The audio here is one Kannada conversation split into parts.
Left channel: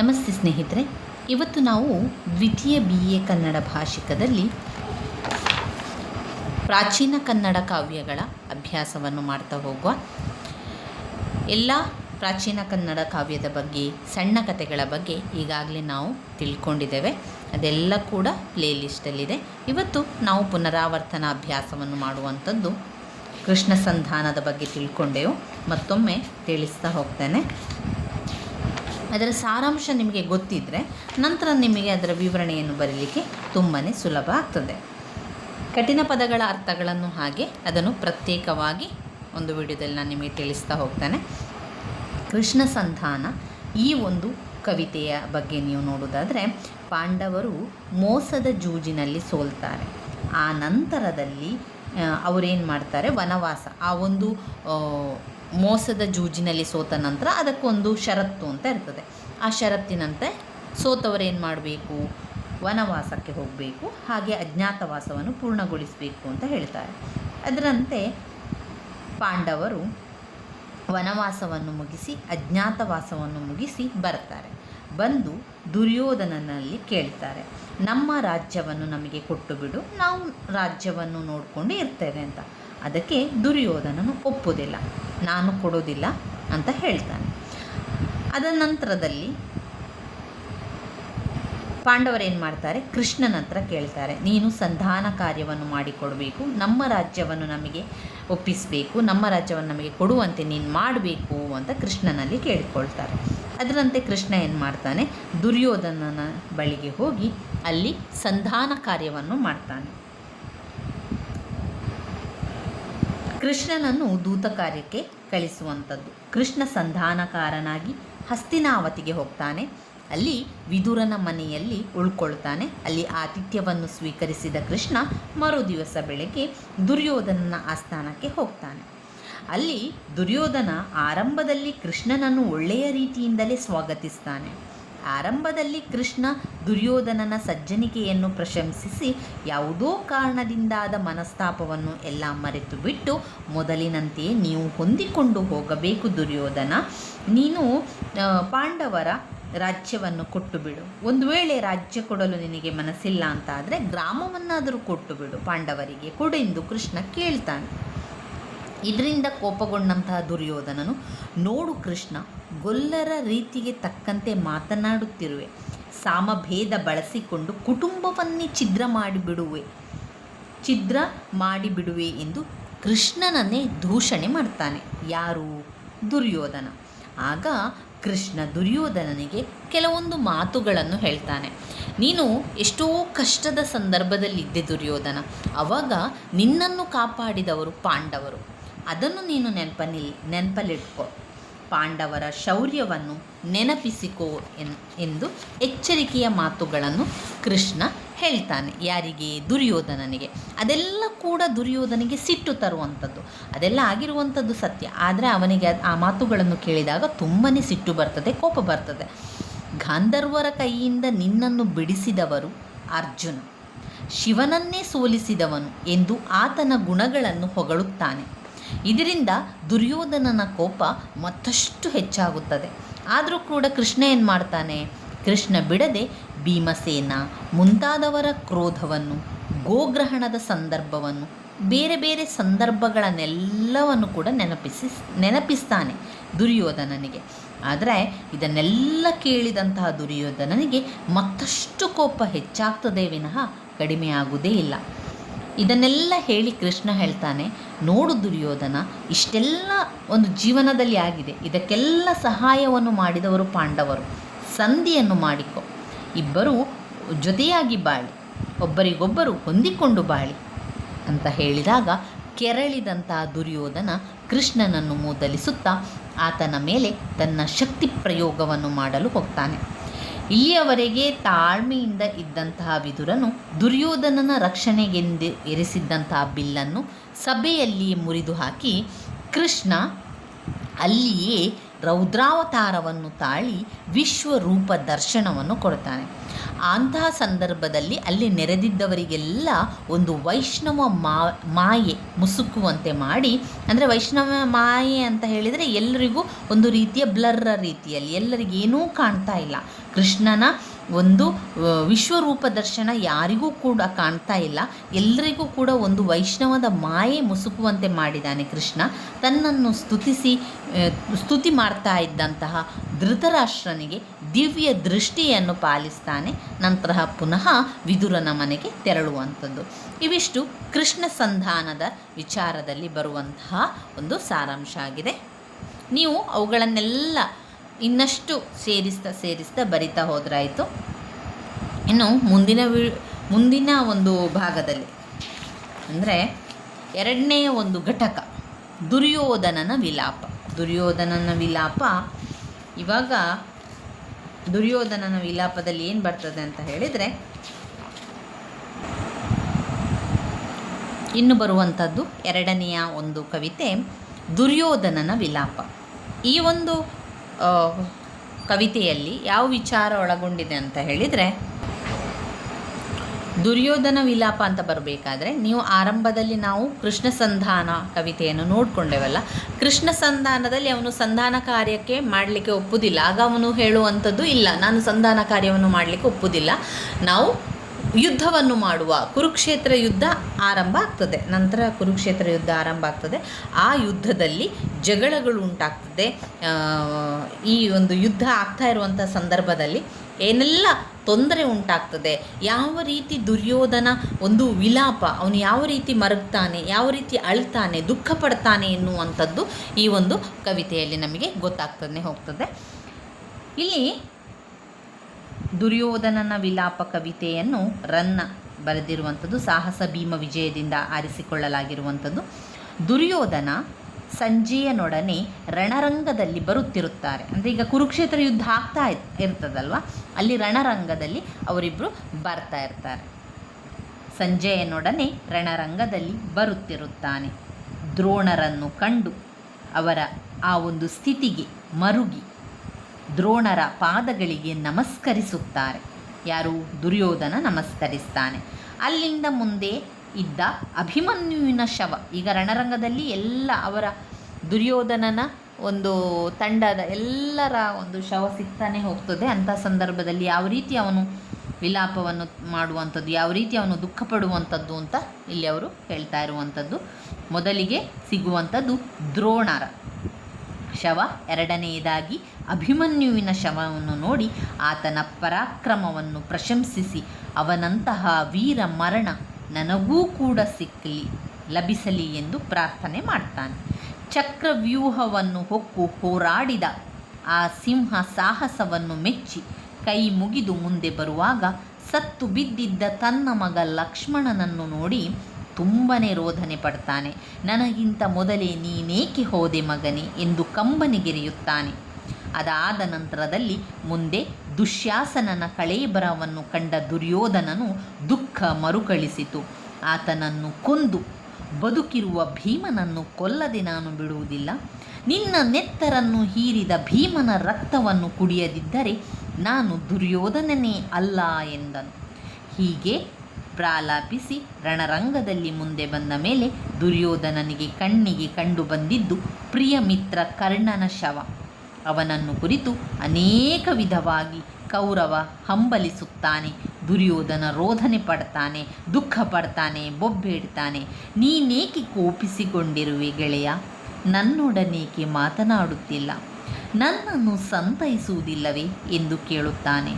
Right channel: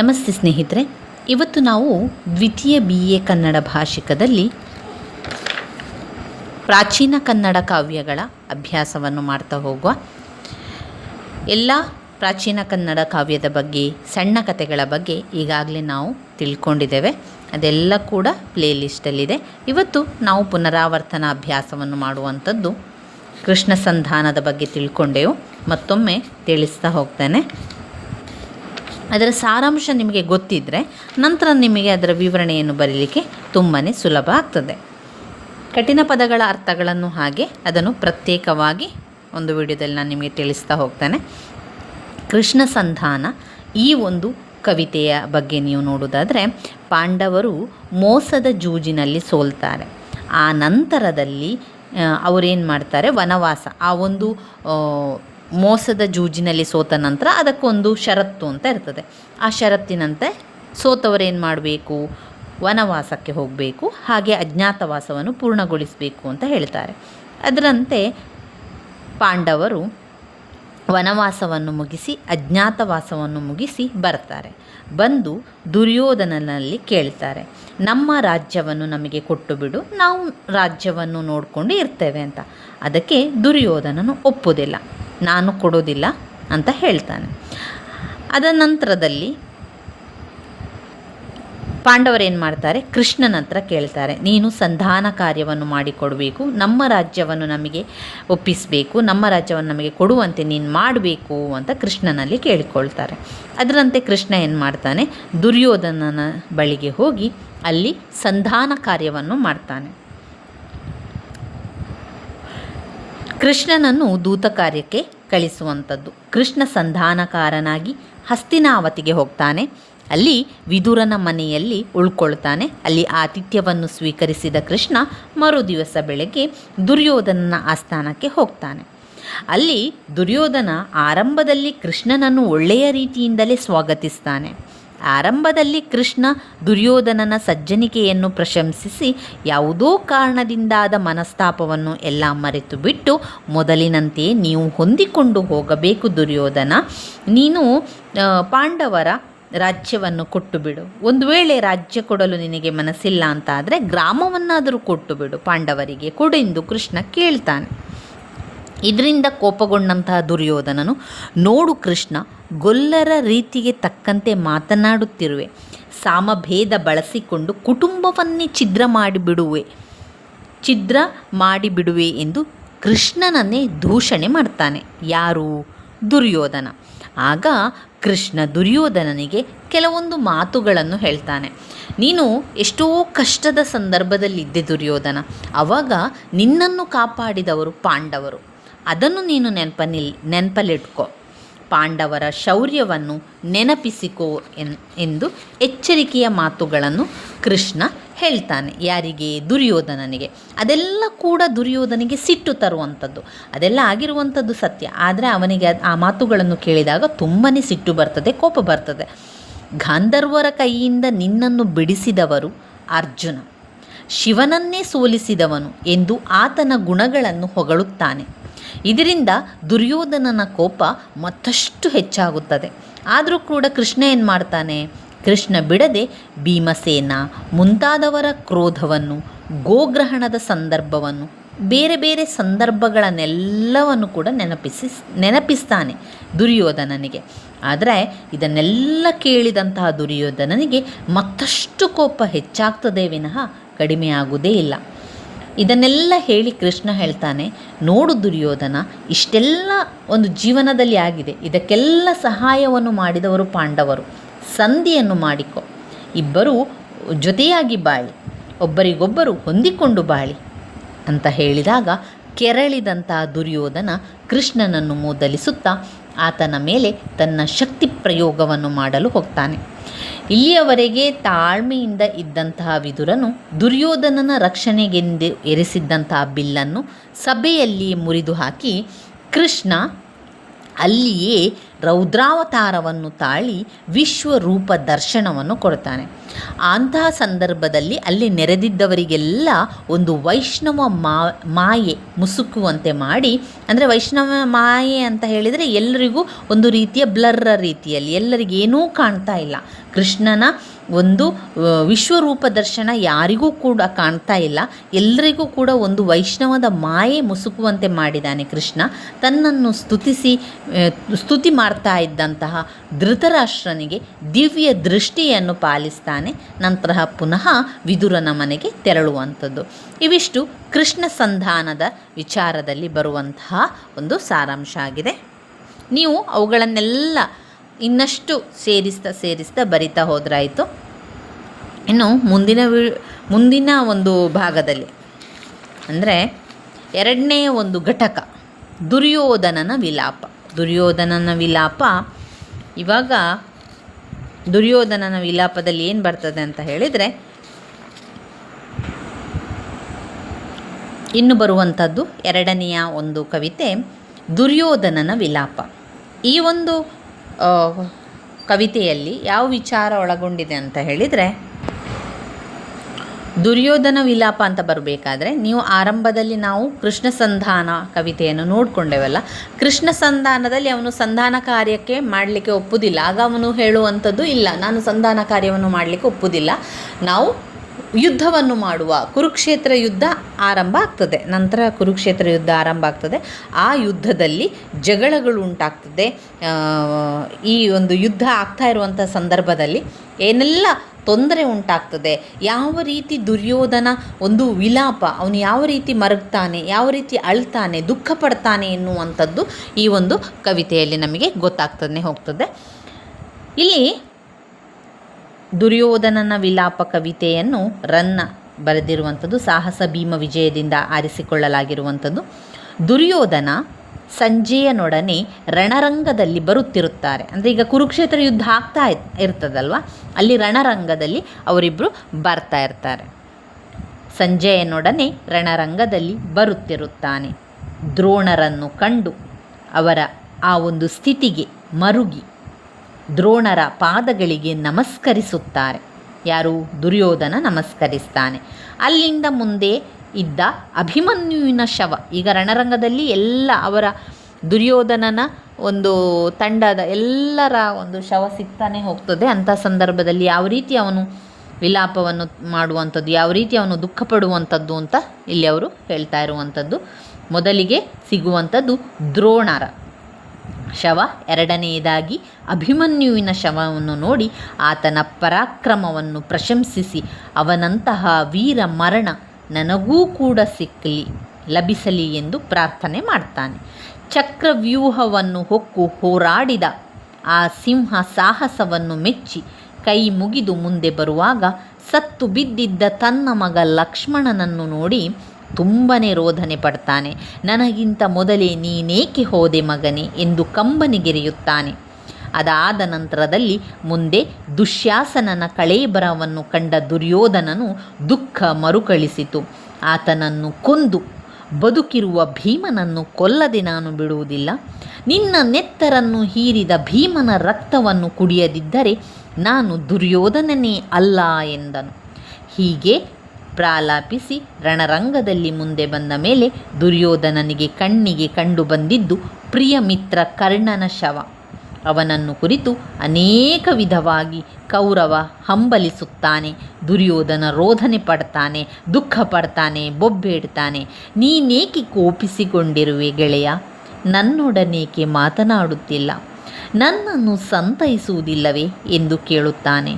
ನಮಸ್ತೆ ಸ್ನೇಹಿತರೆ, ಇವತ್ತು ನಾವು ದ್ವಿತೀಯ BA ಕನ್ನಡ ಭಾಷಿಕದಲ್ಲಿ ಪ್ರಾಚೀನ ಕನ್ನಡ ಕಾವ್ಯಗಳ ಅಭ್ಯಾಸವನ್ನು ಮಾಡ್ತಾ ಹೋಗುವ. ಎಲ್ಲ ಪ್ರಾಚೀನ ಕನ್ನಡ ಕಾವ್ಯದ ಬಗ್ಗೆ, ಸಣ್ಣ ಕಥೆಗಳ ಬಗ್ಗೆ ಈಗಾಗಲೇ ನಾವು ತಿಳ್ಕೊಂಡಿದ್ದೇವೆ. ಅದೆಲ್ಲ ಕೂಡ ಪ್ಲೇಲಿಸ್ಟಲ್ಲಿದೆ. ಇವತ್ತು ನಾವು ಪುನರಾವರ್ತನ ಅಭ್ಯಾಸವನ್ನು ಮಾಡುವಂಥದ್ದು. ಕೃಷ್ಣ ಸಂಧಾನದ ಬಗ್ಗೆ ತಿಳ್ಕೊಂಡೆವು, ಮತ್ತೊಮ್ಮೆ ತಿಳಿಸ್ತಾ ಹೋಗ್ತೇನೆ. ಅದರ ಸಾರಾಂಶ ನಿಮಗೆ ಗೊತ್ತಿದ್ದರೆ ನಂತರ ನಿಮಗೆ ಅದರ ವಿವರಣೆಯನ್ನು ಬರೀಲಿಕ್ಕೆ ತುಂಬಾ ಸುಲಭ ಆಗ್ತದೆ. ಕಠಿಣ ಪದಗಳ ಅರ್ಥಗಳನ್ನು ಹಾಗೆ ಅದನ್ನು ಪ್ರತ್ಯೇಕವಾಗಿ ಒಂದು ವಿಡಿಯೋದಲ್ಲಿ ನಾನು ನಿಮಗೆ ತಿಳಿಸ್ತಾ ಹೋಗ್ತೇನೆ. ಕೃಷ್ಣ ಸಂಧಾನ ಈ ಒಂದು ಕವಿತೆಯ ಬಗ್ಗೆ ನೀವು ನೋಡೋದಾದರೆ, ಪಾಂಡವರು ಮೋಸದ ಜೂಜಿನಲ್ಲಿ ಸೋಲ್ತಾರೆ. ಆ ನಂತರದಲ್ಲಿ ಅವರೇನು ಮಾಡ್ತಾರೆ, ವನವಾಸ, ಆ ಒಂದು ಮೋಸದ ಜೂಜಿನಲ್ಲಿ ಸೋತ ನಂತರ ಅದಕ್ಕೊಂದು ಷರತ್ತು ಅಂತ ಇರ್ತದೆ. ಆ ಷರತ್ತಿನಂತೆ ಸೋತವರೇನು ಮಾಡಬೇಕು, ವನವಾಸಕ್ಕೆ ಹೋಗಬೇಕು, ಹಾಗೆ ಅಜ್ಞಾತವಾಸವನ್ನು ಪೂರ್ಣಗೊಳಿಸಬೇಕು ಅಂತ ಹೇಳ್ತಾರೆ. ಅದರಂತೆ ಪಾಂಡವರು ವನವಾಸವನ್ನು ಮುಗಿಸಿ ಅಜ್ಞಾತವಾಸವನ್ನು ಮುಗಿಸಿ ಬರ್ತಾರೆ. ಬಂದು ದುರ್ಯೋಧನನಲ್ಲಿ ಕೇಳ್ತಾರೆ, ನಮ್ಮ ರಾಜ್ಯವನ್ನು ನಮಗೆ ಕೊಟ್ಟು ಬಿಡು, ನಾವು ರಾಜ್ಯವನ್ನು ನೋಡಿಕೊಂಡು ಇರ್ತೇವೆ ಅಂತ. ಅದಕ್ಕೆ ದುರ್ಯೋಧನನು ಒಪ್ಪುವುದಿಲ್ಲ, ನಾನು ಕೊಡೋದಿಲ್ಲ ಅಂತ ಹೇಳ್ತಾನೆ. ಅದ ನಂತರದಲ್ಲಿ ಪಾಂಡವರೇನು ಮಾಡ್ತಾರೆ, ಕೃಷ್ಣನ ಹತ್ರ ಕೇಳ್ತಾರೆ, ನೀನು ಸಂಧಾನ ಕಾರ್ಯವನ್ನು ಮಾಡಿಕೊಡಬೇಕು, ನಮ್ಮ ರಾಜ್ಯವನ್ನು ನಮಗೆ ಒಪ್ಪಿಸಬೇಕು, ನಮ್ಮ ರಾಜ್ಯವನ್ನು ನಮಗೆ ಕೊಡುವಂತೆ ನೀನು ಮಾಡಬೇಕು ಅಂತ ಕೃಷ್ಣನಲ್ಲಿ ಕೇಳಿಕೊಳ್ತಾರೆ. ಅದರಂತೆ ಕೃಷ್ಣ ಏನು ಮಾಡ್ತಾನೆ, ದುರ್ಯೋಧನನ ಬಳಿಗೆ ಹೋಗಿ ಅಲ್ಲಿ ಸಂಧಾನ ಕಾರ್ಯವನ್ನು ಮಾಡ್ತಾನೆ. ಕೃಷ್ಣನನ್ನು ದೂತ ಕಾರ್ಯಕ್ಕೆ ಕಳಿಸುವಂಥದ್ದು. ಕೃಷ್ಣ ಸಂಧಾನಕಾರನಾಗಿ ಹಸ್ತಿನಾವತಿಗೆ ಹೋಗ್ತಾನೆ. ಅಲ್ಲಿ ವಿದುರನ ಮನೆಯಲ್ಲಿ ಉಳ್ಕೊಳ್ತಾನೆ. ಅಲ್ಲಿ ಆತಿಥ್ಯವನ್ನು ಸ್ವೀಕರಿಸಿದ ಕೃಷ್ಣ ಮರುದಿವಸ ಬೆಳಗ್ಗೆ ದುರ್ಯೋಧನನ ಆಸ್ಥಾನಕ್ಕೆ ಹೋಗ್ತಾನೆ. ಅಲ್ಲಿ ದುರ್ಯೋಧನ ಆರಂಭದಲ್ಲಿ ಕೃಷ್ಣನನ್ನು ಒಳ್ಳೆಯ ರೀತಿಯಿಂದಲೇ ಸ್ವಾಗತಿಸ್ತಾನೆ. ಆರಂಭದಲ್ಲಿ ಕೃಷ್ಣ ದುರ್ಯೋಧನನ ಸಜ್ಜನಿಕೆಯನ್ನು ಪ್ರಶಂಸಿಸಿ ಯಾವುದೋ ಕಾರಣದಿಂದಾದ ಮನಸ್ತಾಪವನ್ನು ಎಲ್ಲ ಮರೆತು ಬಿಟ್ಟು, ಮೊದಲಿನಂತೆಯೇ ನೀವು ಹೊಂದಿಕೊಂಡು ಹೋಗಬೇಕು ದುರ್ಯೋಧನ, ನೀನು ಪಾಂಡವರ ರಾಜ್ಯವನ್ನು ಕೊಟ್ಟು ಬಿಡು. ಒಂದು ವೇಳೆ ರಾಜ್ಯ ಕೊಡಲು ನಿನಗೆ ಮನಸ್ಸಿಲ್ಲ ಅಂತಾದರೆ ಗ್ರಾಮವನ್ನಾದರೂ ಕೊಟ್ಟು ಬಿಡು, ಪಾಂಡವರಿಗೆ ಕೊಡು ಎಂದು ಕೃಷ್ಣ ಕೇಳ್ತಾನೆ. ಇದರಿಂದ ಕೋಪಗೊಂಡಂತಹ ದುರ್ಯೋಧನನು, ನೋಡು ಕೃಷ್ಣ, ಗೊಲ್ಲರ ರೀತಿಗೆ ತಕ್ಕಂತೆ ಮಾತನಾಡುತ್ತಿರುವೆ, ಸಾಮಭೇದ ಬಳಸಿಕೊಂಡು ಕುಟುಂಬವನ್ನೇ ಛಿದ್ರ ಮಾಡಿಬಿಡುವೆ ಎಂದು ಕೃಷ್ಣನನ್ನೇ ದೂಷಣೆ ಮಾಡ್ತಾನೆ. ಯಾರು? ದುರ್ಯೋಧನ. ಆಗ ಕೃಷ್ಣ ದುರ್ಯೋಧನನಿಗೆ ಕೆಲವೊಂದು ಮಾತುಗಳನ್ನು ಹೇಳ್ತಾನೆ. ನೀನು ಎಷ್ಟೋ ಕಷ್ಟದ ಸಂದರ್ಭದಲ್ಲಿದ್ದೆ ದುರ್ಯೋಧನ, ಆವಾಗ ನಿನ್ನನ್ನು ಕಾಪಾಡಿದವರು ಪಾಂಡವರು, ಅದನ್ನು ನೀನು ನೆನಪಲ್ಲಿಟ್ಕೋ, ಪಾಂಡವರ ಶೌರ್ಯವನ್ನು ನೆನಪಿಸಿಕೋ ಎಂದು ಎಚ್ಚರಿಕೆಯ ಮಾತುಗಳನ್ನು ಕೃಷ್ಣ ಹೇಳ್ತಾನೆ. ಯಾರಿಗೆ? ದುರ್ಯೋಧನನಿಗೆ. ಅದೆಲ್ಲ ಕೂಡ ದುರ್ಯೋಧನಿಗೆ ಸಿಟ್ಟು ತರುವಂಥದ್ದು. ಅದೆಲ್ಲ ಆಗಿರುವಂಥದ್ದು ಸತ್ಯ. ಆದರೆ ಅವನಿಗೆ ಆ ಮಾತುಗಳನ್ನು ಕೇಳಿದಾಗ ತುಂಬಾ ಸಿಟ್ಟು ಬರ್ತದೆ, ಕೋಪ ಬರ್ತದೆ. ಗಾಂಧರ್ವರ ಕೈಯಿಂದ ನಿನ್ನನ್ನು ಬಿಡಿಸಿದವರು ಅರ್ಜುನ, ಶಿವನನ್ನೇ ಸೋಲಿಸಿದವನು ಎಂದು ಆತನ ಗುಣಗಳನ್ನು ಹೊಗಳುತ್ತಾನೆ. ಇದರಿಂದ ದುರ್ಯೋಧನನ ಕೋಪ ಮತ್ತಷ್ಟು ಹೆಚ್ಚಾಗುತ್ತದೆ. ಆದರೂ ಕೂಡ ಕೃಷ್ಣ ಏನು ಮಾಡ್ತಾನೆ, ಕೃಷ್ಣ ಬಿಡದೆ ಭೀಮಸೇನ ಮುಂತಾದವರ ಕ್ರೋಧವನ್ನು, ಗೋಗ್ರಹಣದ ಸಂದರ್ಭವನ್ನು, ಬೇರೆ ಬೇರೆ ಸಂದರ್ಭಗಳನ್ನೆಲ್ಲವನ್ನು ಕೂಡ ನೆನಪಿಸ್ತಾನೆ ದುರ್ಯೋಧನನಿಗೆ. ಆದರೆ ಇದನ್ನೆಲ್ಲ ಕೇಳಿದಂತಹ ದುರ್ಯೋಧನನಿಗೆ ಮತ್ತಷ್ಟು ಕೋಪ ಹೆಚ್ಚಾಗ್ತದೆ ವಿನಃ ಕಡಿಮೆಯಾಗುವುದೇ ಇಲ್ಲ. ಇದನ್ನೆಲ್ಲ ಹೇಳಿ ಕೃಷ್ಣ ಹೇಳ್ತಾನೆ, ನೋಡು ದುರ್ಯೋಧನ, ಇಷ್ಟೆಲ್ಲ ಒಂದು ಜೀವನದಲ್ಲಿ ಆಗಿದೆ, ಇದಕ್ಕೆಲ್ಲ ಸಹಾಯವನ್ನು ಮಾಡಿದವರು ಪಾಂಡವರು, ಸಂಧಿಯನ್ನು ಮಾಡಿಕೊ, ಇಬ್ಬರೂ ಜೊತೆಯಾಗಿ ಬಾಳಿ, ಒಬ್ಬರಿಗೊಬ್ಬರು ಹೊಂದಿಕೊಂಡು ಬಾಳಿ ಅಂತ ಹೇಳಿದಾಗ ಕೆರಳಿದಂತಹ ದುರ್ಯೋಧನ ಕೃಷ್ಣನನ್ನು ಮೂದಲಿಸುತ್ತಾ ಆತನ ಮೇಲೆ ತನ್ನ ಶಕ್ತಿ ಪ್ರಯೋಗವನ್ನು ಮಾಡಲು ಹೋಗ್ತಾನೆ. ಇಲ್ಲಿಯವರೆಗೆ ತಾಳ್ಮೆಯಿಂದ ಇದ್ದಂತಹ ವಿದುರನು ದುರ್ಯೋಧನನ ರಕ್ಷಣೆಗೆಂದು ಎರೆಸಿದ್ದಂತಹ ಬಿಲ್ಲನ್ನು ಸಭೆಯಲ್ಲಿ ಮುರಿದು ಹಾಕಿ, ಕೃಷ್ಣ ಅಲ್ಲಿಯೇ ರೌದ್ರಾವತಾರವನ್ನು ತಾಳಿ ವಿಶ್ವರೂಪ ದರ್ಶನವನ್ನು ಕೊಡ್ತಾನೆ. ಅಂತಹ ಸಂದರ್ಭದಲ್ಲಿ ಅಲ್ಲಿ ನೆರೆದಿದ್ದವರಿಗೆಲ್ಲ ಒಂದು ವೈಷ್ಣವ ಮಾಯೆ ಮುಸುಕುವಂತೆ ಮಾಡಿ, ಅಂದರೆ ವೈಷ್ಣವ ಮಾಯೆ ಅಂತ ಹೇಳಿದರೆ ಎಲ್ಲರಿಗೂ ಒಂದು ರೀತಿಯ ಬ್ಲರ್ರ ರೀತಿಯಲ್ಲಿ, ಎಲ್ಲರಿಗೇನೂ ಕಾಣ್ತಾ ಇಲ್ಲ. ಕೃಷ್ಣನ ಒಂದು ವಿಶ್ವರೂಪ ದರ್ಶನ ಯಾರಿಗೂ ಕೂಡ ಕಾಣ್ತಾ ಇಲ್ಲ, ಎಲ್ಲರಿಗೂ ಕೂಡ ಒಂದು ವೈಷ್ಣವದ ಮಾಯೆ ಮುಸುಕುವಂತೆ ಮಾಡಿದ್ದಾನೆ ಕೃಷ್ಣ. ತನ್ನನ್ನು ಸ್ತುತಿ ಮಾಡ್ತಾ ಇದ್ದಂತಹ ಧೃತರಾಷ್ಟ್ರನಿಗೆ ದಿವ್ಯ ದೃಷ್ಟಿಯನ್ನು ಪಾಲಿಸ್ತಾನೆ. ನಂತರ ಪುನಃ ವಿದುರನ ಮನೆಗೆ ತೆರಳುವಂಥದ್ದು. ಇವಿಷ್ಟು ಕೃಷ್ಣ ಸಂಧಾನದ ವಿಚಾರದಲ್ಲಿ ಬರುವಂತಹ ಒಂದು ಸಾರಾಂಶ ಆಗಿದೆ. ನೀವು ಅವುಗಳನ್ನೆಲ್ಲ ಇನ್ನಷ್ಟು ಸೇರಿಸ್ತಾ ಬರಿತಾ ಹೋದ್ರಾಯಿತು. ಇನ್ನು ಮುಂದಿನ ಒಂದು ಭಾಗದಲ್ಲಿ ಅಂದರೆ ಎರಡನೇ ಒಂದು ಘಟಕ ದುರ್ಯೋಧನನ ವಿಲಾಪ. ಇವಾಗ ದುರ್ಯೋಧನನ ವಿಲಾಪದಲ್ಲಿ ಏನು ಬರ್ತದೆ ಅಂತ ಹೇಳಿದರೆ, ಇನ್ನು ಬರುವಂಥದ್ದು ಎರಡನೆಯ ಒಂದು ಕವಿತೆ ದುರ್ಯೋಧನನ ವಿಲಾಪ. ಈ ಒಂದು ಕವಿತೆಯಲ್ಲಿ ಯಾವ ವಿಚಾರ ಒಳಗೊಂಡಿದೆ ಅಂತ ಹೇಳಿದರೆ, ದುರ್ಯೋಧನ ವಿಲಾಪ ಅಂತ ಬರಬೇಕಾದ್ರೆ ನೀವು ಆರಂಭದಲ್ಲಿ ನಾವು ಕೃಷ್ಣ ಸಂಧಾನ ಕವಿತೆಯನ್ನು ನೋಡಿಕೊಂಡೇವಲ್ಲ. ಕೃಷ್ಣ ಸಂಧಾನದಲ್ಲಿ ಅವನು ಸಂಧಾನ ಕಾರ್ಯಕ್ಕೆ ಮಾಡಲಿಕ್ಕೆ ಒಪ್ಪುವುದಿಲ್ಲ. ಆಗ ಅವನು ಹೇಳುವಂಥದ್ದು, ಇಲ್ಲ ನಾನು ಸಂಧಾನ ಕಾರ್ಯವನ್ನು ಮಾಡಲಿಕ್ಕೆ ಒಪ್ಪುವುದಿಲ್ಲ, ನಾವು ಯುದ್ಧವನ್ನು ಮಾಡುವ, ಕುರುಕ್ಷೇತ್ರ ಯುದ್ಧ ಆರಂಭ ಆಗ್ತದೆ. ನಂತರ ಕುರುಕ್ಷೇತ್ರ ಯುದ್ಧ ಆರಂಭ ಆಗ್ತದೆ. ಆ ಯುದ್ಧದಲ್ಲಿ ಜಗಳಗಳು ಉಂಟಾಗ್ತದೆ. ಈ ಒಂದು ಯುದ್ಧ ಆಗ್ತಾ ಇರುವಂಥ ಸಂದರ್ಭದಲ್ಲಿ ಏನೆಲ್ಲ ತೊಂದರೆ ಉಂಟಾಗ್ತದೆ, ಯಾವ ರೀತಿ ದುರ್ಯೋಧನ ಒಂದು ವಿಲಾಪ, ಅವನು ಯಾವ ರೀತಿ ಮರಗ್ತಾನೆ, ಯಾವ ರೀತಿ ಅಳ್ತಾನೆ, ದುಃಖ ಪಡ್ತಾನೆ ಎನ್ನುವಂಥದ್ದು ಈ ಒಂದು ಕವಿತೆಯಲ್ಲಿ ನಮಗೆ ಗೊತ್ತಾಗ್ತದೆ ಹೋಗ್ತದೆ. ಇಲ್ಲಿ ದುರ್ಯೋಧನನ ವಿಲಾಪ ಕವಿತೆಯನ್ನು ರನ್ನ ಬರೆದಿರುವಂಥದ್ದು, ಸಾಹಸ ಭೀಮ ವಿಜಯದಿಂದ ಆರಿಸಿಕೊಳ್ಳಲಾಗಿರುವಂಥದ್ದು. ದುರ್ಯೋಧನ ಸಂಜಯನೊಡನೆ ರಣರಂಗದಲ್ಲಿ ಬರುತ್ತಿರುತ್ತಾರೆ. ಅಂದರೆ ಈಗ ಕುರುಕ್ಷೇತ್ರ ಯುದ್ಧ ಆಗ್ತಾ ಇರ್ತದಲ್ವ, ಅಲ್ಲಿ ರಣರಂಗದಲ್ಲಿ ಅವರಿಬ್ಬರು ಬರ್ತಾ ಇರ್ತಾರೆ. ಸಂಜಯನೊಡನೆ ರಣರಂಗದಲ್ಲಿ ಬರುತ್ತಿರುತ್ತಾನೆ. ದ್ರೋಣರನ್ನು ಕಂಡು ಅವರ ಆ ಒಂದು ಸ್ಥಿತಿಗೆ ಮರುಗಿ ದ್ರೋಣರ ಪಾದಗಳಿಗೆ ನಮಸ್ಕರಿಸುತ್ತಾರೆ. ಯಾರು? ದುರ್ಯೋಧನ ನಮಸ್ಕರಿಸ್ತಾನೆ. ಅಲ್ಲಿಂದ ಮುಂದೆ ಇದ್ದ ಅಭಿಮನ್ಯುವಿನ ಶವ, ಈಗ ರಣರಂಗದಲ್ಲಿ ಎಲ್ಲ ಅವರ ದುರ್ಯೋಧನನ ಒಂದು ತಂಡದ ಎಲ್ಲರ ಒಂದು ಶವ ಸಿಗ್ತಾನೆ ಹೋಗ್ತದೆ. ಅಂಥ ಸಂದರ್ಭದಲ್ಲಿ ಯಾವ ರೀತಿ ಅವನು ವಿಲಾಪವನ್ನು ಮಾಡುವಂಥದ್ದು, ಯಾವ ರೀತಿ ಅವನು ದುಃಖ ಪಡುವಂಥದ್ದು ಅಂತ ಇಲ್ಲಿ ಅವರು ಹೇಳ್ತಾ ಇರುವಂಥದ್ದು. ಮೊದಲಿಗೆ ಸಿಗುವಂಥದ್ದು ದ್ರೋಣರ ಶವ, ಎರಡನೆಯದಾಗಿ ಅಭಿಮನ್ಯುವಿನ ಶವವನ್ನು ನೋಡಿ ಆತನ ಪರಾಕ್ರಮವನ್ನು ಪ್ರಶಂಸಿಸಿ ಅವನಂತಹ ವೀರ ಮರಣ ನನಗೂ ಕೂಡ ಲಭಿಸಲಿ ಎಂದು ಪ್ರಾರ್ಥನೆ ಮಾಡ್ತಾನೆ. ಚಕ್ರವ್ಯೂಹವನ್ನು ಹೊಕ್ಕು ಹೋರಾಡಿದ ಆ ಸಿಂಹ ಸಾಹಸವನ್ನು ಮೆಚ್ಚಿ ಕೈ ಮುಗಿದು ಮುಂದೆ ಬರುವಾಗ ಸತ್ತು ಬಿದ್ದಿದ್ದ ತನ್ನ ಮಗ ಲಕ್ಷ್ಮಣನನ್ನು ನೋಡಿ ತುಂಬನೇ ರೋಧನೆ ಪಡ್ತಾನೆ. ನನಗಿಂತ ಮೊದಲೇ ನೀನೇಕೆ ಹೋದೆ ಮಗನೇ ಎಂದು ಕಂಬನಿಗೆರೆಯುತ್ತಾನೆ. ಅದಾದ ನಂತರದಲ್ಲಿ ಮುಂದೆ ದುಶ್ಯಾಸನನ ಕಳೇಬರವನ್ನು ಕಂಡ ದುರ್ಯೋಧನನು ದುಃಖ ಮರುಕಳಿಸಿತು. ಆತನನ್ನು ಕೊಂದು ಬದುಕಿರುವ ಭೀಮನನ್ನು ಕೊಲ್ಲದೆ ನಾನು ಬಿಡುವುದಿಲ್ಲ. ನಿನ್ನ ನೆತ್ತರನ್ನು ಹೀರಿದ ಭೀಮನ ರಕ್ತವನ್ನು ಕುಡಿಯದಿದ್ದರೆ ನಾನು ದುರ್ಯೋಧನನೇ ಅಲ್ಲ ಎಂದನು. ಹೀಗೆ ಪ್ರಾಲಾಪಿಸಿ ರಣರಂಗದಲ್ಲಿ ಮುಂದೆ ಬಂದ ಮೇಲೆ ದುರ್ಯೋಧನನಿಗೆ ಕಣ್ಣಿಗೆ ಕಂಡು ಬಂದಿದ್ದು ಪ್ರಿಯ ಮಿತ್ರ ಕರ್ಣನ ಶವ. ಅವನನ್ನು ಕುರಿತು ಅನೇಕ ವಿಧವಾಗಿ ಕೌರವ ಹಂಬಲಿಸುತ್ತಾನೆ. ದುರ್ಯೋಧನ ರೋಧನೆ ಪಡ್ತಾನೆ, ದುಃಖ ಪಡ್ತಾನೆ, ಬೊಬ್ಬೆಡ್ತಾನೆ. ನೀನೇಕೆ ಕೋಪಿಸಿಕೊಂಡಿರುವೆ ಗೆಳೆಯ? ನನ್ನೊಡನೇಕೆ ಮಾತನಾಡುತ್ತಿಲ್ಲ? ನನ್ನನ್ನು ಸಂತೈಸುವುದಿಲ್ಲವೇ ಎಂದು ಕೇಳುತ್ತಾನೆ.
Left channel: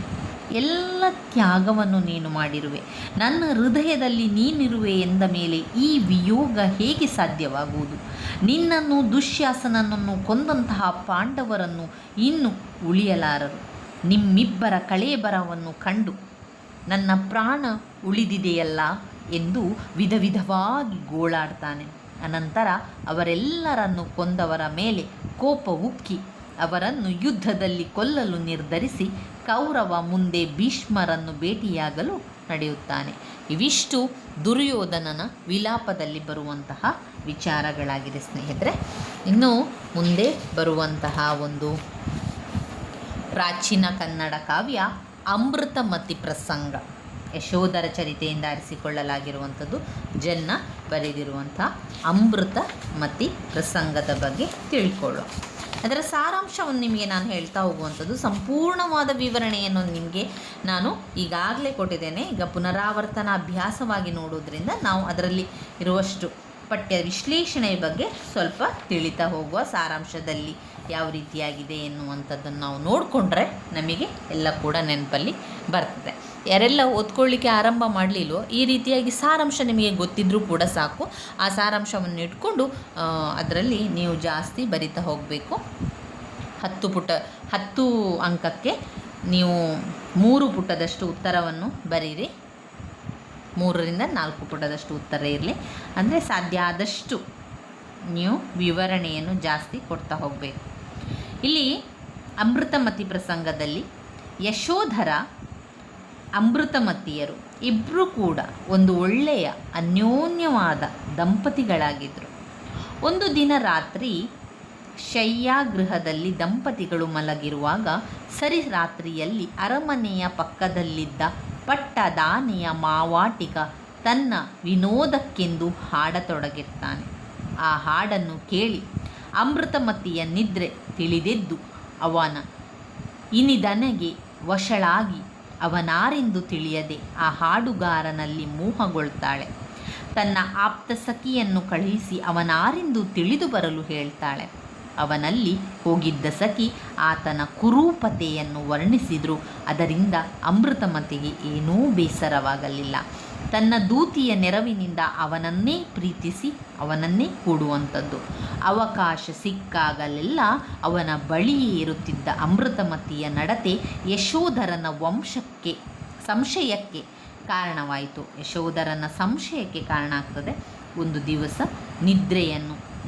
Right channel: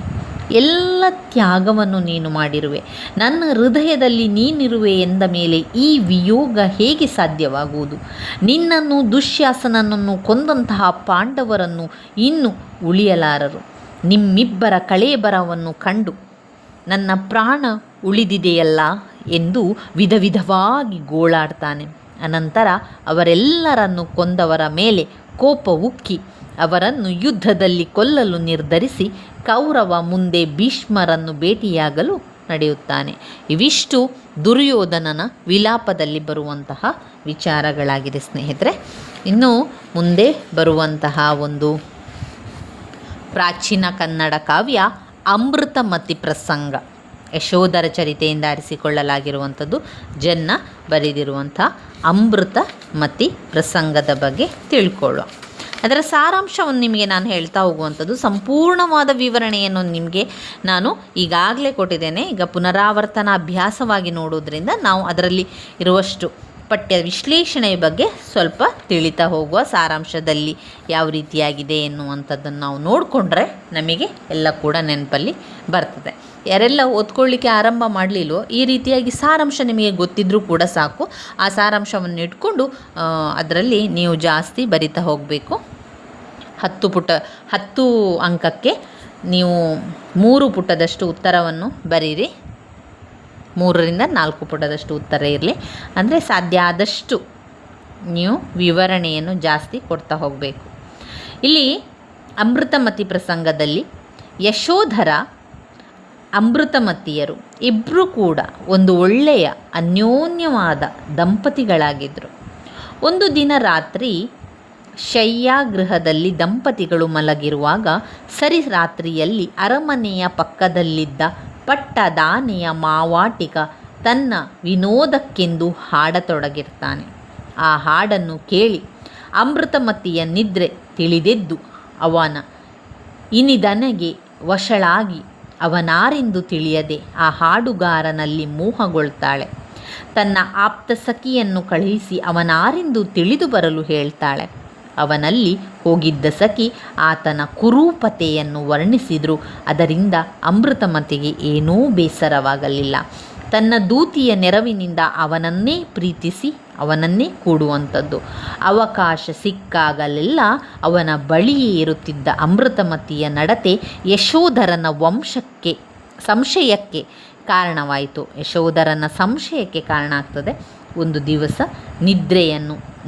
ಎಲ್ಲ ತ್ಯಾಗವನ್ನು ನೀನು ಮಾಡಿರುವೆ, ನನ್ನ ಹೃದಯದಲ್ಲಿ ನೀನಿರುವೆ ಎಂದ ಮೇಲೆ ಈ ವಿಯೋಗ ಹೇಗೆ ಸಾಧ್ಯವಾಗುವುದು? ನಿನ್ನನ್ನು ದುಶ್ಯಾಸನನನ್ನು ಕೊಂದಂತಹ ಪಾಂಡವರನ್ನು ಇನ್ನು ಉಳಿಯಲಾರರು. ನಿಮ್ಮಿಬ್ಬರ ಕಳೇಬರವನ್ನು ಕಂಡು ನನ್ನ ಪ್ರಾಣ ಉಳಿದಿದೆಯಲ್ಲ ಎಂದು ವಿಧವಾಗಿ ಗೋಳಾಡ್ತಾನೆ. ಅನಂತರ ಅವರೆಲ್ಲರನ್ನು ಕೊಂದವರ ಮೇಲೆ ಕೋಪ ಉಕ್ಕಿ ಅವರನ್ನು ಯುದ್ಧದಲ್ಲಿ ಕೊಲ್ಲಲು ನಿರ್ಧರಿಸಿ ಕೌರವ ಮುಂದೆ ಭೀಷ್ಮರನ್ನು ಭೇಟಿಯಾಗಲು ನಡೆಯುತ್ತಾನೆ. ಇವಿಷ್ಟು ದುರ್ಯೋಧನನ ವಿಲಾಪದಲ್ಲಿ ಬರುವಂತಹ ವಿಚಾರಗಳಾಗಿದೆ ಸ್ನೇಹಿತರೆ. ಇನ್ನು ಮುಂದೆ ಬರುವಂತಹ ಒಂದು ಪ್ರಾಚೀನ ಕನ್ನಡ ಕಾವ್ಯ ಅಮೃತಮತಿ ಪ್ರಸಂಗ, ಯಶೋಧರ ಚರಿತೆಯಿಂದ ಆರಿಸಿಕೊಳ್ಳಲಾಗಿರುವಂಥದ್ದು. ಜನ್ನ ಬರೆದಿರುವಂಥ ಅಮೃತಮತಿ ಪ್ರಸಂಗದ ಬಗ್ಗೆ ತಿಳ್ಕೊಳ್ಳೋ. ಅದರ ಸಾರಾಂಶವನ್ನು ನಿಮಗೆ ನಾನು ಹೇಳ್ತಾ ಹೋಗುವಂಥದ್ದು, ಸಂಪೂರ್ಣವಾದ ವಿವರಣೆಯನ್ನು ನಿಮಗೆ ನಾನು ಈಗಾಗಲೇ ಕೊಟ್ಟಿದ್ದೇನೆ. ಈಗ ಪುನರಾವರ್ತನ ಅಭ್ಯಾಸವಾಗಿ ನೋಡೋದ್ರಿಂದ ನಾವು ಅದರಲ್ಲಿ ಇರುವಷ್ಟು ಪಠ್ಯ ವಿಶ್ಲೇಷಣೆಯ ಬಗ್ಗೆ ಸ್ವಲ್ಪ ತಿಳಿತಾ ಹೋಗುವ. ಸಾರಾಂಶದಲ್ಲಿ ಯಾವ ರೀತಿಯಾಗಿದೆ ಎನ್ನುವಂಥದ್ದನ್ನು ನಾವು ನೋಡಿಕೊಂಡ್ರೆ ನಮಗೆ ಎಲ್ಲ ಕೂಡ ನೆನಪಲ್ಲಿ ಬರ್ತದೆ. ಯಾರೆಲ್ಲ ಓದ್ಕೊಳ್ಳಿಕ್ಕೆ ಆರಂಭ ಮಾಡಲಿಲ್ವೋ ಈ ರೀತಿಯಾಗಿ ಸಾರಾಂಶ ನಿಮಗೆ ಗೊತ್ತಿದ್ದರೂ ಕೂಡ ಸಾಕು. ಆ ಸಾರಾಂಶವನ್ನು ಇಟ್ಕೊಂಡು ಅದರಲ್ಲಿ ನೀವು ಜಾಸ್ತಿ ಬರಿತಾ ಹೋಗಬೇಕು. 10 ಅಂಕಕ್ಕೆ ನೀವು 3 ಪುಟದಷ್ಟು ಉತ್ತರವನ್ನು ಬರೀರಿ. 3ರಿಂದ 4 ಪುಟದಷ್ಟು ಉತ್ತರ ಇರಲಿ. ಅಂದರೆ ಸಾಧ್ಯ ಆದಷ್ಟು ನೀವು ವಿವರಣೆಯನ್ನು ಜಾಸ್ತಿ ಕೊಡ್ತಾ ಹೋಗಬೇಕು. ಇಲ್ಲಿ ಅಮೃತಮತಿ ಪ್ರಸಂಗದಲ್ಲಿ ಯಶೋಧರ ಅಮೃತಮತಿಯರು ಇಬ್ಬರೂ ಕೂಡ ಒಂದು ಒಳ್ಳೆಯ ಅನ್ಯೋನ್ಯವಾದ ದಂಪತಿಗಳಾಗಿದ್ದರು. ಒಂದು ದಿನ ರಾತ್ರಿ ಶಯ್ಯಾಗೃಹದಲ್ಲಿ ದಂಪತಿಗಳು ಮಲಗಿರುವಾಗ ಸರಿ ರಾತ್ರಿಯಲ್ಲಿ ಅರಮನೆಯ ಪಕ್ಕದಲ್ಲಿದ್ದ ಪಟ್ಟದಾನೆಯ ಮಾವಾಟಿಗ ತನ್ನ ವಿನೋದಕ್ಕೆಂದು ಹಾಡತೊಡಗಿರ್ತಾನೆ. ಆ ಹಾಡನ್ನು ಕೇಳಿ ಅಮೃತಮತಿಯ ನಿದ್ರೆ ತಿಳಿದೆದ್ದು ಅವನ ಇನಿದನೆಗೆ ವಶಳಾಗಿ ಅವನಾರೆಂದು ತಿಳಿಯದೆ ಆ ಹಾಡುಗಾರನಲ್ಲಿ ಮೋಹಗೊಳ್ತಾಳೆ. ತನ್ನ ಆಪ್ತ ಸಖಿಯನ್ನು ಕಳುಹಿಸಿ ಅವನಾರೆಂದು ತಿಳಿದು ಬರಲು ಹೇಳ್ತಾಳೆ. ಅವನಲ್ಲಿ ಹೋಗಿದ್ದ ಸಖಿ ಆತನ ಕುರೂಪತೆಯನ್ನು ವರ್ಣಿಸಿದರೂ ಅದರಿಂದ ಅಮೃತಮತಿಗೆ ಏನೂ ಬೇಸರವಾಗಲಿಲ್ಲ. ತನ್ನ ದೂತಿಯ ನೆರವಿನಿಂದ ಅವನನ್ನೇ ಪ್ರೀತಿಸಿ ಅವನನ್ನೇ ಕೂಡುವಂಥದ್ದು. ಅವಕಾಶ ಸಿಕ್ಕಾಗಲೆಲ್ಲ ಅವನ ಬಳಿಯೇ ಇರುತ್ತಿದ್ದ ಅಮೃತಮತಿಯ ನಡತೆ ಯಶೋಧರನ ಸಂಶಯಕ್ಕೆ ಕಾರಣವಾಯಿತು. ಯಶೋಧರನ ಸಂಶಯಕ್ಕೆ ಕಾರಣ ಆಗ್ತದೆ. ಒಂದು ದಿವಸ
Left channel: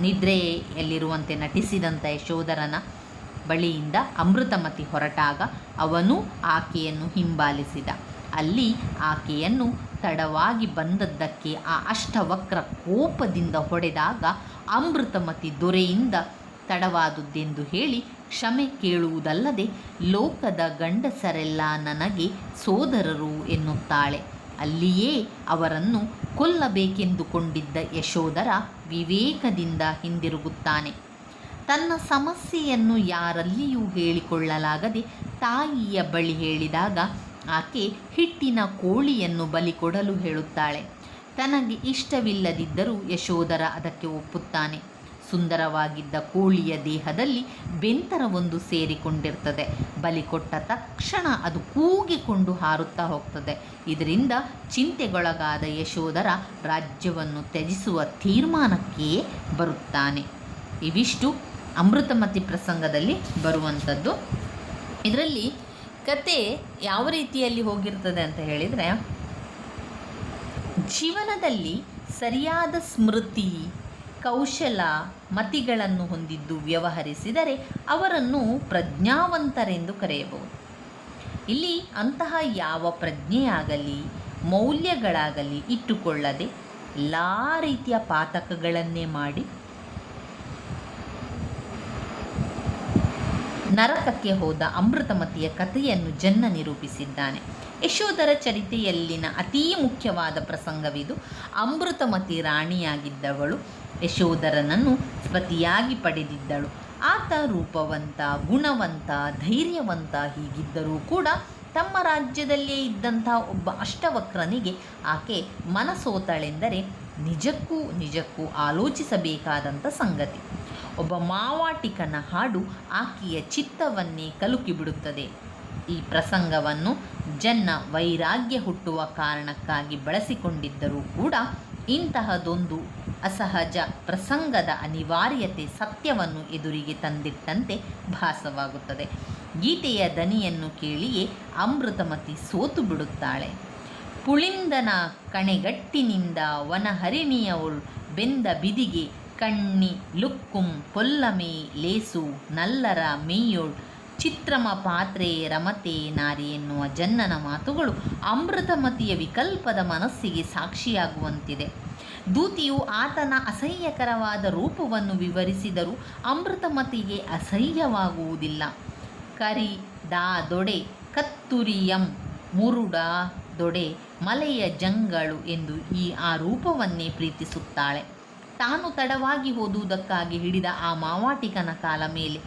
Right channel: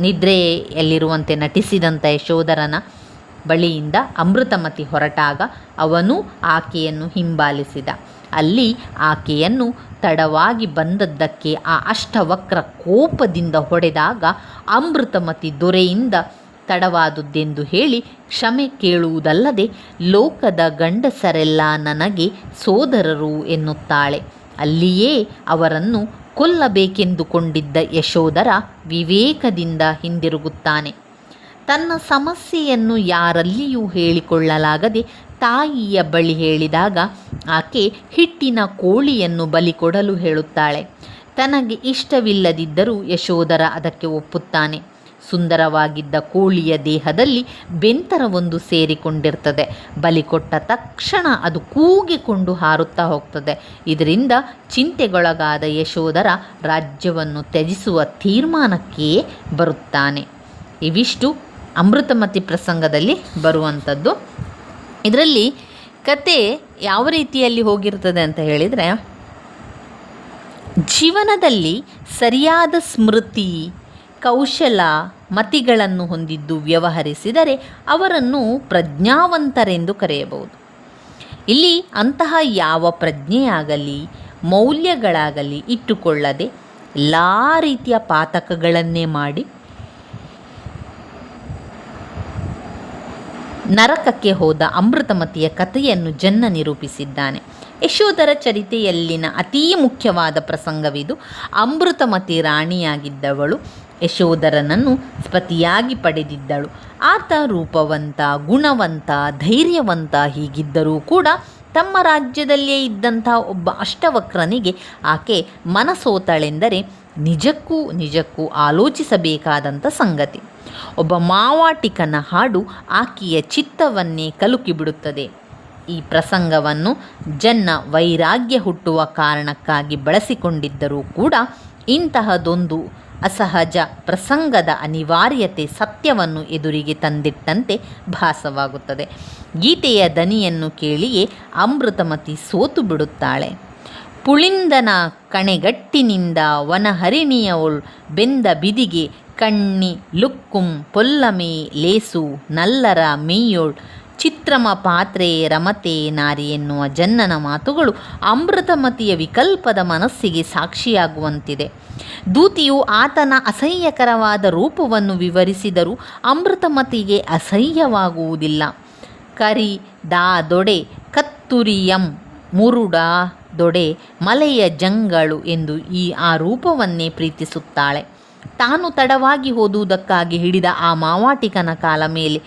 ನಿದ್ರೆಯಲ್ಲಿರುವಂತೆ ನಟಿಸಿದಂಥ ಯಶೋಧರನ ಬಳಿಯಿಂದ ಅಮೃತಮತಿ ಹೊರಟಾಗ ಅವನು ಆಕೆಯನ್ನು ಹಿಂಬಾಲಿಸಿದ. ಅಲ್ಲಿ ಆಕೆಯನ್ನು ತಡವಾಗಿ ಬಂದದ್ದಕ್ಕೆ ಆ ಅಷ್ಟವಕ್ರ ಕೋಪದಿಂದ ಹೊಡೆದಾಗ ಅಮೃತಮತಿ ದೊರೆಯಿಂದ ತಡವಾದುದೆಂದು ಹೇಳಿ ಕ್ಷಮೆ ಕೇಳುವುದಲ್ಲದೆ ಲೋಕದ ಗಂಡಸರೆಲ್ಲ ನನಗೆ ಸೋದರರು ಎನ್ನುತ್ತಾಳೆ. ಅಲ್ಲಿಯೇ ಅವರನ್ನು ಕೊಲ್ಲಬೇಕೆಂದುಕೊಂಡಿದ್ದ ಯಶೋಧರ ವಿವೇಕದಿಂದ ಹಿಂದಿರುಗುತ್ತಾನೆ. ತನ್ನ ಸಮಸ್ಯೆಯನ್ನು ಯಾರಲ್ಲಿಯೂ ಹೇಳಿಕೊಳ್ಳಲಾಗದೆ ತಾಯಿಯ ಬಳಿ ಹೇಳಿದಾಗ ಆಕೆ ಹಿಟ್ಟಿನ ಕೋಳಿಯನ್ನು ಬಲಿ ಕೊಡಲು ಹೇಳುತ್ತಾಳೆ. ತನಗೆ ಇಷ್ಟವಿಲ್ಲದಿದ್ದರೂ ಯಶೋಧರ ಅದಕ್ಕೆ ಒಪ್ಪುತ್ತಾನೆ. ಸುಂದರವಾಗಿದ್ದ ಕೋಳಿಯ ದೇಹದಲ್ಲಿ ಬೆಂತರವೊಂದು ಸೇರಿಕೊಂಡಿರ್ತದೆ. ಬಲಿ ಕೊಟ್ಟ ತಕ್ಷಣ ಅದು ಕೂಗಿಕೊಂಡು ಹಾರುತ್ತಾ ಹೋಗ್ತದೆ. ಇದರಿಂದ ಚಿಂತೆಗೊಳಗಾದ ಯಶೋಧರ ರಾಜ್ಯವನ್ನು ತ್ಯಜಿಸುವ ತೀರ್ಮಾನಕ್ಕೆ ಬರುತ್ತಾನೆ. ಇವಿಷ್ಟು ಅಮೃತಮತಿ ಪ್ರಸಂಗದಲ್ಲಿ ಬರುವಂಥದ್ದು. ಇದರಲ್ಲಿ ಕತೆ ಯಾವ ರೀತಿಯಲ್ಲಿ ಹೋಗಿರ್ತದೆ ಅಂತ ಹೇಳಿದರೆ, ಜೀವನದಲ್ಲಿ ಸರಿಯಾದ ಸ್ಮೃತಿ ಕೌಶಲ ಮತಿಗಳನ್ನು ಹೊಂದಿದ್ದು ವ್ಯವಹರಿಸಿದರೆ ಅವರನ್ನು ಪ್ರಜ್ಞಾವಂತರೆಂದು ಕರೆಯಬಹುದು. ಇಲ್ಲಿ ಅಂತಹ ಯಾವ ಪ್ರಜ್ಞೆಯಾಗಲಿ ಮೌಲ್ಯಗಳಾಗಲಿ ಇಟ್ಟುಕೊಳ್ಳದೆ ಎಲ್ಲ ರೀತಿಯ ಪಾತಕಗಳನ್ನೇ ಮಾಡಿ ನರಕಕ್ಕೆ ಹೋದ ಅಮೃತಮತಿಯ ಕಥೆಯನ್ನು ಜನ್ನ ನಿರೂಪಿಸಿದ್ದಾನೆ. ಯಶೋಧರ ಚರಿತೆಯಲ್ಲಿನ ಅತೀ ಮುಖ್ಯವಾದ ಪ್ರಸಂಗವಿದು. ಅಮೃತಮತಿ ರಾಣಿಯಾಗಿದ್ದವಳು ಯಶೋಧರನನ್ನು ಪತಿಯಾಗಿ ಪಡೆದಿದ್ದಳು. ಆತ ರೂಪವಂತ, ಗುಣವಂತ, ಧೈರ್ಯವಂತ ಹೀಗಿದ್ದರೂ ಕೂಡ ತಮ್ಮ ರಾಜ್ಯದಲ್ಲೇ ಇದ್ದಂಥ ಒಬ್ಬ ಅಷ್ಟವಕ್ರನಿಗೆ ಆಕೆ ಮನಸೋತಳೆಂದರೆ ನಿಜಕ್ಕೂ ಆಲೋಚಿಸಬೇಕಾದಂಥ ಸಂಗತಿ. ಒಬ್ಬ ಮಾವಾಟಿಕನ ಹಾಡು ಆಕೆಯ ಚಿತ್ತವನ್ನೇ ಕಲುಕಿಬಿಡುತ್ತದೆ. ಈ ಪ್ರಸಂಗವನ್ನು ಜನ್ನ ವೈರಾಗ್ಯ ಹುಟ್ಟುವ ಕಾರಣಕ್ಕಾಗಿ ಬಳಸಿಕೊಂಡಿದ್ದರೂ ಕೂಡ ಇಂತಹದೊಂದು ಅಸಹಜ ಪ್ರಸಂಗದ ಅನಿವಾರ್ಯತೆ ಸತ್ಯವನ್ನು ಎದುರಿಗೆ ತಂದಿಟ್ಟಂತೆ ಭಾಸವಾಗುತ್ತದೆ. ಗೀತೆಯ ದನಿಯನ್ನು ಕೇಳಿಯೇ ಅಮೃತಮತಿ ಸೋತು ಬಿಡುತ್ತಾಳೆ. ಪುಳಿಂದನ ಕಣೆಗಟ್ಟಿನಿಂದ ವನಹರಿಣಿಯವಳು ಬೆಂದ ಬಿದಿಗೆ ಕಣ್ಣಿ ಲುಕ್ಕುಂ ಪೊಲ್ಲಮೆ ಲೇಸು ನಲ್ಲರ ಮೇಯೋಳ್ ಚಿತ್ರಮ ಪಾತ್ರೆ ರಮತೆ ನಾರಿ ಎನ್ನುವ ಜನ್ನನ ಮಾತುಗಳು ಅಮೃತಮತಿಯ ವಿಕಲ್ಪದ ಮನಸ್ಸಿಗೆ ಸಾಕ್ಷಿಯಾಗುವಂತಿದೆ. ದೂತಿಯು ಆತನ ಅಸಹ್ಯಕರವಾದ ರೂಪವನ್ನು ವಿವರಿಸಿದರೂ ಅಮೃತಮತಿಗೆ ಅಸಹ್ಯವಾಗುವುದಿಲ್ಲ. ಕರಿ ದಾ ದೊಡೆ ಕತ್ತುರಿಯಂ ಮುರುಡ ದೊಡೆ ಮಲೆಯ ಜಂಗಳು ಎಂದು ಆ ರೂಪವನ್ನೇ ಪ್ರೀತಿಸುತ್ತಾಳೆ. ತಾನು ತಡವಾಗಿ ಓದುವುದಕ್ಕಾಗಿ ಹಿಡಿದ ಆ ಮಾವಾಟಿಕನ ಕಾಲ ಮೇಲೆ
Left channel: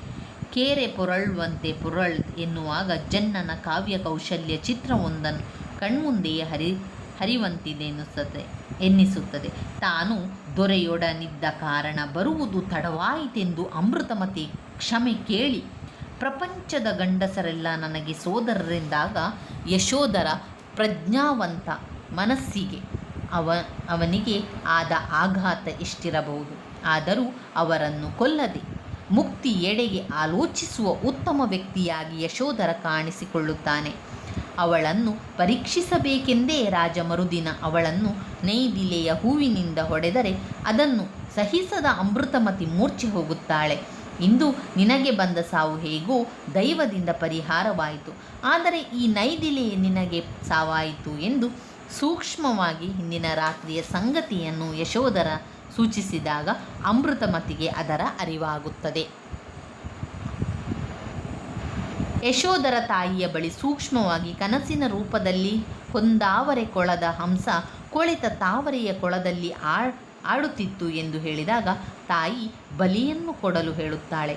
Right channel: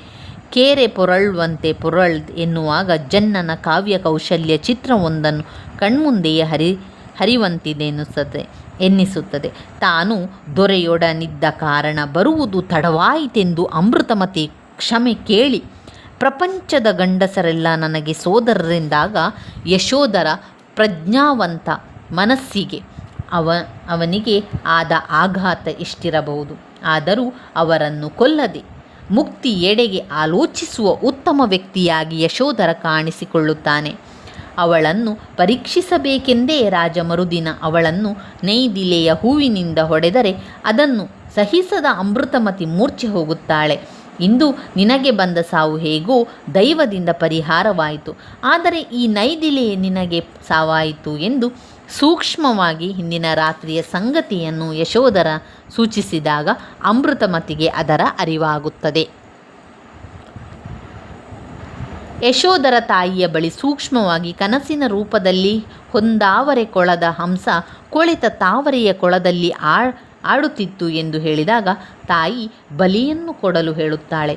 ಕೇರೆ ಪೊರಳುವಂತೆ ಪೊರಳ್ ಎನ್ನುವಾಗ ಜನ್ನನ ಕಾವ್ಯ ಕೌಶಲ್ಯ ಚಿತ್ರವೊಂದನ್ನು ಕಣ್ಮುಂದೆಯೇ ಹರಿವಂತಿದೆ ಎನ್ನಿಸುತ್ತದೆ. ತಾನು ದೊರೆಯೊಡನಿದ್ದ ಕಾರಣ ಬರುವುದು ತಡವಾಯಿತೆಂದು ಅಮೃತಮತಿ ಕ್ಷಮೆ ಕೇಳಿ, ಪ್ರಪಂಚದ ಗಂಡಸರೆಲ್ಲ ನನಗೆ ಸೋದರರೆಂದಾಗ ಯಶೋಧರ ಪ್ರಜ್ಞಾವಂತ ಮನಸ್ಸಿಗೆ ಅವನಿಗೆ ಆದ ಆಘಾತ ಎಷ್ಟಿರಬಹುದು. ಆದರೂ ಅವರನ್ನು ಕೊಲ್ಲದೆ ಮುಕ್ತಿ ಎಡೆಗೆ ಆಲೋಚಿಸುವ ಉತ್ತಮ ವ್ಯಕ್ತಿಯಾಗಿ ಯಶೋಧರ ಕಾಣಿಸಿಕೊಳ್ಳುತ್ತಾನೆ. ಅವಳನ್ನು ಪರೀಕ್ಷಿಸಬೇಕೆಂದೇ ರಾಜ ಮರುದಿನ ಅವಳನ್ನು ನೈದಿಲೆಯ ಹೂವಿನಿಂದ ಹೊಡೆದರೆ ಅದನ್ನು ಸಹಿಸದ ಅಮೃತಮತಿ ಮೂರ್ಛೆ ಹೋಗುತ್ತಾಳೆ. ಇಂದು ನಿನಗೆ ಬಂದ ಸಾವು ಹೇಗೋ ದೈವದಿಂದ ಪರಿಹಾರವಾಯಿತು, ಆದರೆ ಈ ನೈದಿಲೆ ನಿನಗೆ ಸಾವಾಯಿತು ಎಂದು ಸೂಕ್ಷ್ಮವಾಗಿ ಹಿಂದಿನ ರಾತ್ರಿಯ ಸಂಗತಿಯನ್ನು ಯಶೋಧರ ಸೂಚಿಸಿದಾಗ ಅಮೃತಮತಿಗೆ ಅದರ ಅರಿವಾಗುತ್ತದೆ. ಯಶೋಧರ ತಾಯಿಯ ಬಳಿ ಸೂಕ್ಷ್ಮವಾಗಿ ಕನಸಿನ ರೂಪದಲ್ಲಿ ಹೊಂದಾವರೆ ಕೊಳದ ಹಂಸ ಕೊಳೆತ ತಾವರೆಯ ಕೊಳದಲ್ಲಿ ಆಡುತ್ತಿತ್ತು ಎಂದು ಹೇಳಿದಾಗ ತಾಯಿ ಬಲಿಯನ್ನು ಕೊಡಲು ಹೇಳುತ್ತಾಳೆ.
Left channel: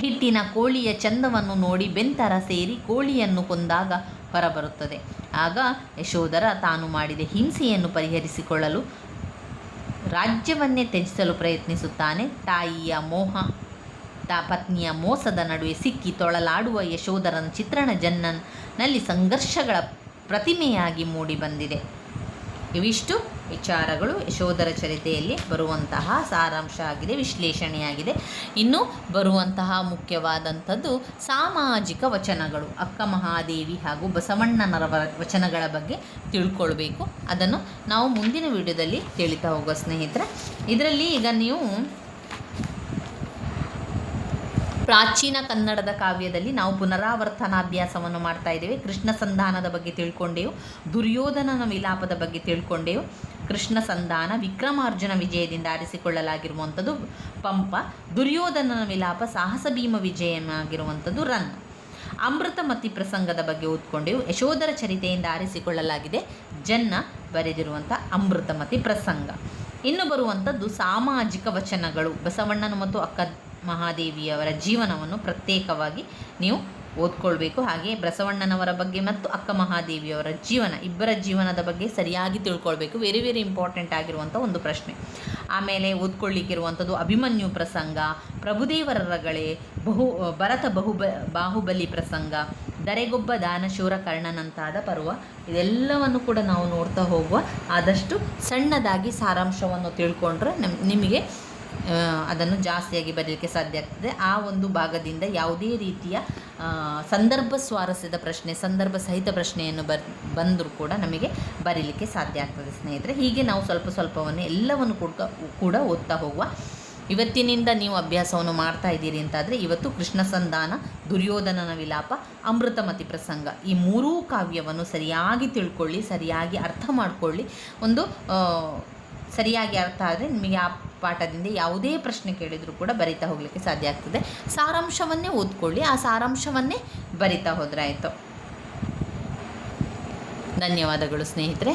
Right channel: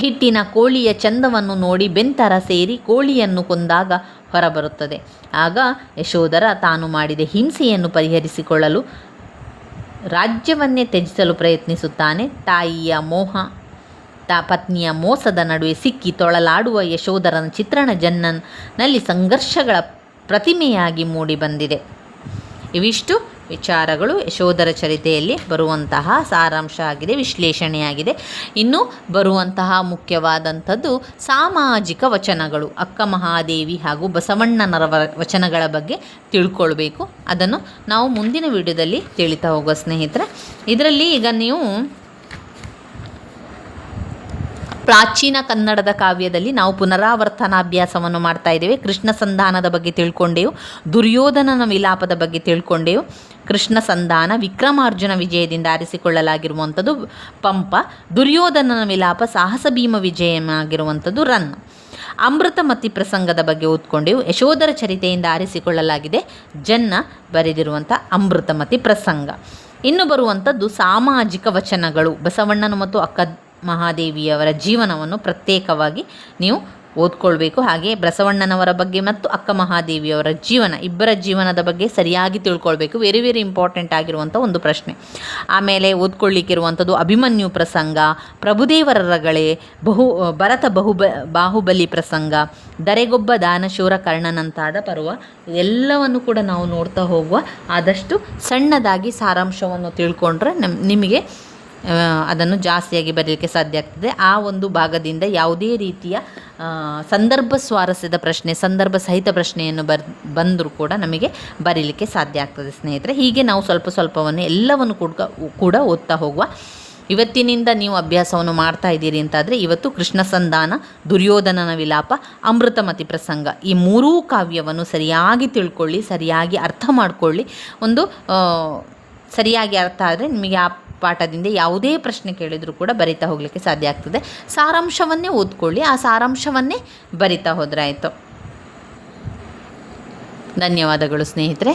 ಹಿಟ್ಟಿನ ಕೋಳಿಯ ಚಂದವನ್ನು ನೋಡಿ ಬೆಂತರ ಸೇರಿ ಕೋಳಿಯನ್ನು ಕೊಂದಾಗ ಹೊರಬರುತ್ತದೆ. ಆಗ ಯಶೋಧರ ತಾನು ಮಾಡಿದ ಹಿಂಸೆಯನ್ನು ಪರಿಹರಿಸಿಕೊಳ್ಳಲು ರಾಜ್ಯವನ್ನೇ ತ್ಯಜಿಸಲು ಪ್ರಯತ್ನಿಸುತ್ತಾನೆ. ತಾಯಿಯ ಮೋಹ ಪತ್ನಿಯ ಮೋಸದ ನಡುವೆ ಸಿಕ್ಕಿ ತೊಳಲಾಡುವ ಯಶೋಧರನ ಚಿತ್ರಣ ಜನ್ನನಲ್ಲಿ ಸಂಘರ್ಷಗಳ ಪ್ರತಿಮೆಯಾಗಿ ಮೂಡಿಬಂದಿದೆ. ಇವಿಷ್ಟು ವಿಚಾರಗಳು ಯಶೋಧರ ಚರಿತೆಯಲ್ಲಿ ಬರುವಂತಹ ಸಾರಾಂಶ ಆಗಿದೆ, ವಿಶ್ಲೇಷಣೆಯಾಗಿದೆ. ಇನ್ನು ಬರುವಂತಹ ಮುಖ್ಯವಾದಂಥದ್ದು ಸಾಮಾಜಿಕ ವಚನಗಳು. ಅಕ್ಕ ಮಹಾದೇವಿ ಹಾಗೂ ಬಸವಣ್ಣನರ ವಚನಗಳ ಬಗ್ಗೆ ತಿಳ್ಕೊಳ್ಬೇಕು. ಅದನ್ನು ನಾವು ಮುಂದಿನ ವಿಡಿಯೋದಲ್ಲಿ ತಿಳಿತಾ ಹೋಗುವ ಸ್ನೇಹಿತರೆ. ಇದರಲ್ಲಿ ಈಗ ನೀವು ಪ್ರಾಚೀನ ಕನ್ನಡದ ಕಾವ್ಯದಲ್ಲಿ ನಾವು ಪುನರಾವರ್ತನಾಭ್ಯಾಸವನ್ನು ಮಾಡ್ತಾ ಇದ್ದೇವೆ. ಕೃಷ್ಣ ಸಂಧಾನದ ಬಗ್ಗೆ ತಿಳ್ಕೊಂಡೆವು, ದುರ್ಯೋಧನನ ವಿಲಾಪದ ಬಗ್ಗೆ ತಿಳ್ಕೊಂಡೆವು. ಕೃಷ್ಣ ಸಂಧಾನ ವಿಕ್ರಮಾರ್ಜುನ ವಿಜಯದಿಂದ ಆರಿಸಿಕೊಳ್ಳಲಾಗಿರುವಂಥದ್ದು ಪಂಪ, ದುರ್ಯೋಧನನ ವಿಲಾಪ ಸಾಹಸ ಭೀಮ ವಿಜಯವಾಗಿರುವಂಥದ್ದು ರನ್ನ. ಅಮೃತಮತಿ ಪ್ರಸಂಗದ ಬಗ್ಗೆ ಓದ್ಕೊಂಡೆವು. ಯಶೋಧರ ಚರಿತೆಯಿಂದ ಆರಿಸಿಕೊಳ್ಳಲಾಗಿದೆ ಜನ್ನ ಬರೆದಿರುವಂಥ ಅಮೃತಮತಿ ಪ್ರಸಂಗ. ಇನ್ನು ಬರುವಂಥದ್ದು ಸಾಮಾಜಿಕ ವಚನಗಳು. ಬಸವಣ್ಣನ ಮತ್ತು ಅಕ್ಕ ಮಹಾದೇವಿಯವರ ಜೀವನವನ್ನು ಪ್ರತ್ಯೇಕವಾಗಿ ನೀವು ಓದ್ಕೊಳ್ಬೇಕು. ಹಾಗೆ ಬಸವಣ್ಣನವರ ಬಗ್ಗೆ ಮತ್ತು ಅಕ್ಕ ಮಹಾದೇವಿಯವರ ಜೀವನ, ಇಬ್ಬರ ಜೀವನದ ಬಗ್ಗೆ ಸರಿಯಾಗಿ ತಿಳ್ಕೊಳ್ಬೇಕು. ವೆರಿ ವೆರಿ ಇಂಪಾರ್ಟೆಂಟ್ ಆಗಿರುವಂಥ ಒಂದು ಪ್ರಶ್ನೆ. ಆಮೇಲೆ ಓದ್ಕೊಳ್ಳಿಕ್ಕಿರುವಂಥದ್ದು ಅಭಿಮನ್ಯು ಪ್ರಸಂಗ, ಪ್ರಭುದೇವರ ರಗಳೆ, ಭರತ ಬಾಹುಬಲಿ ಪ್ರಸಂಗ, ದರೆಗೊಬ್ಬ ದಾನಶೂರ ಕರ್ಣನಂತಾದ ಪರ್ವ. ಇದೆಲ್ಲವನ್ನು ಕೂಡ ನಾವು ನೋಡ್ತಾ ಹೋಗುವ. ಆದಷ್ಟು ಸಣ್ಣದಾಗಿ ಸಾರಾಂಶವನ್ನು ತಿಳ್ಕೊಂಡ್ರೆ ನಿಮಗೆ ಅದನ್ನು ಜಾಸ್ತಿಯಾಗಿ ಬರೀಲಿಕ್ಕೆ ಸಾಧ್ಯ ಆಗ್ತದೆ. ಆ ಒಂದು ಭಾಗದಿಂದ ಯಾವುದೇ ರೀತಿಯ ಸಂದರ್ಭ ಸ್ವಾರಸ್ಯದ ಪ್ರಶ್ನೆ, ಸಂದರ್ಭ ಸಹಿತ ಪ್ರಶ್ನೆಯನ್ನು ಬಂದರೂ ಕೂಡ ನಮಗೆ ಬರೀಲಿಕ್ಕೆ ಸಾಧ್ಯ ಆಗ್ತದೆ ಸ್ನೇಹಿತರೆ. ಹೀಗೆ ನಾವು ಸ್ವಲ್ಪ ಸ್ವಲ್ಪವನ್ನು ಎಲ್ಲವನ್ನು ಕೂಡ ಓದ್ತಾ ಹೋಗುವ. ಇವತ್ತಿನಿಂದ ನೀವು ಅಭ್ಯಾಸವನ್ನು ಮಾಡ್ತಾ ಇದ್ದೀರಿ ಅಂತಾದರೆ ಇವತ್ತು ಕೃಷ್ಣ ಸಂಧಾನ, ದುರ್ಯೋಧನನ ವಿಲಾಪ, ಅಮೃತಮತಿ ಪ್ರಸಂಗ ಈ ಮೂರೂ ಕಾವ್ಯವನ್ನು ಸರಿಯಾಗಿ ತಿಳ್ಕೊಳ್ಳಿ, ಸರಿಯಾಗಿ ಅರ್ಥ ಮಾಡಿಕೊಳ್ಳಿ. ಒಂದು ಸರಿಯಾಗಿ ಅರ್ಥ ಆದರೆ ನಿಮಗೆ ಆ ಪಾಠದಿಂದ ಯಾವುದೇ ಪ್ರಶ್ನೆ ಕೇಳಿದರೂ ಕೂಡ ಬರಿತಾ ಹೋಗಲಿಕ್ಕೆ ಸಾಧ್ಯ ಆಗ್ತದೆ. ಸಾರಾಂಶವನ್ನೇ ಓದ್ಕೊಳ್ಳಿ, ಆ ಸಾರಾಂಶವನ್ನೇ ಬರಿತಾ ಹೋದರೆ ಆಯಿತು. ಧನ್ಯವಾದಗಳು ಸ್ನೇಹಿತರೆ.